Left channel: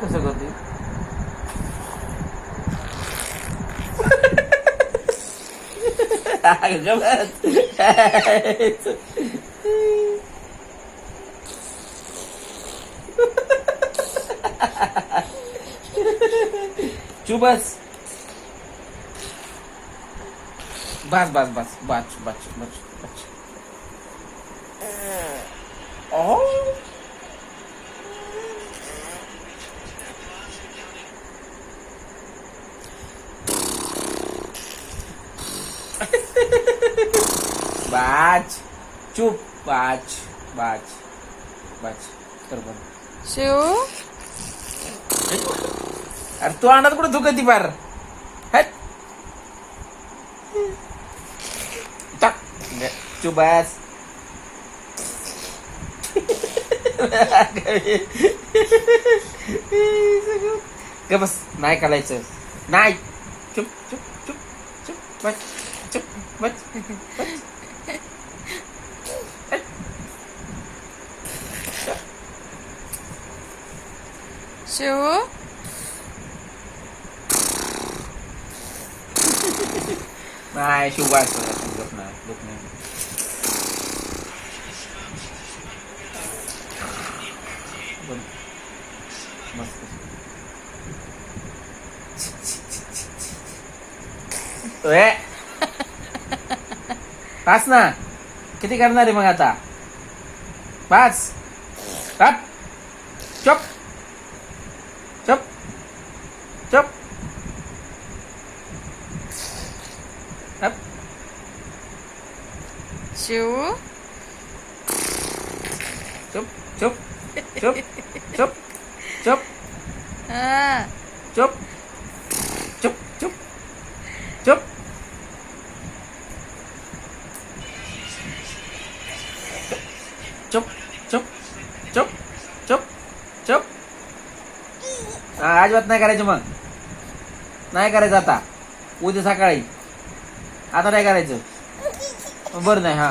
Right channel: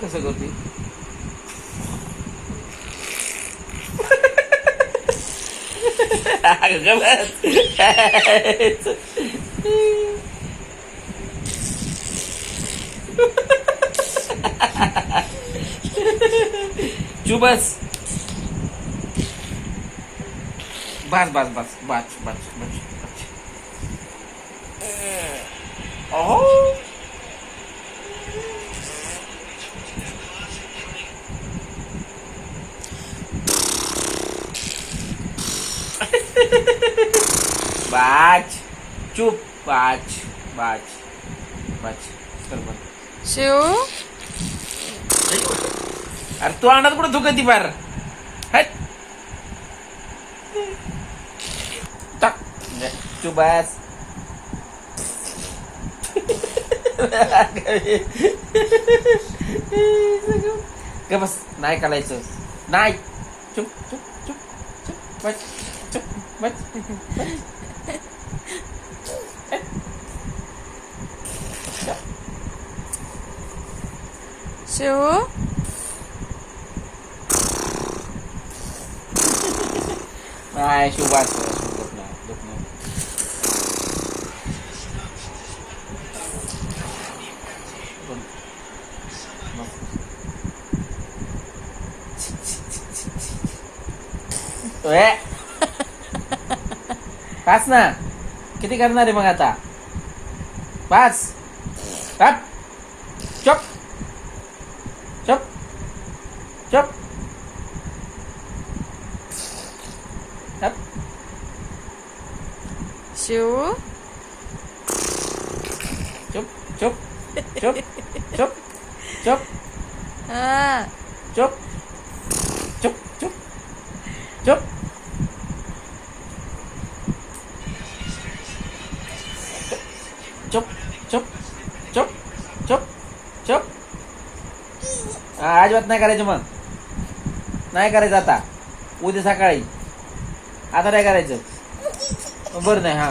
कसं करते? चुप बस. बस बस बस बस बस बस. Oh. बाज. चुप. बाज बाज बाज. चल बरं. शिव अरे तू आणत कुठं धुकती पार. हट. चुप बस. ग बस. नाही काढायचं. नाही. चुप चुप चुप चुप बस. चुप बस. शिव नाही शुभास शुभत नाही. पाच ना. किती करणार आहे मग आता? पाच. हट. चुप चुप चुप. हट. शिव चुप चुप चुप चुप चुप हा चुप चुप चुप चुप. चुप चुप चुप चुप चुप. अजिबात नाही करायचं. मग नाही करायचं आता. उद्या सकाळी. आता नाही करायचं. बरं नाही. हा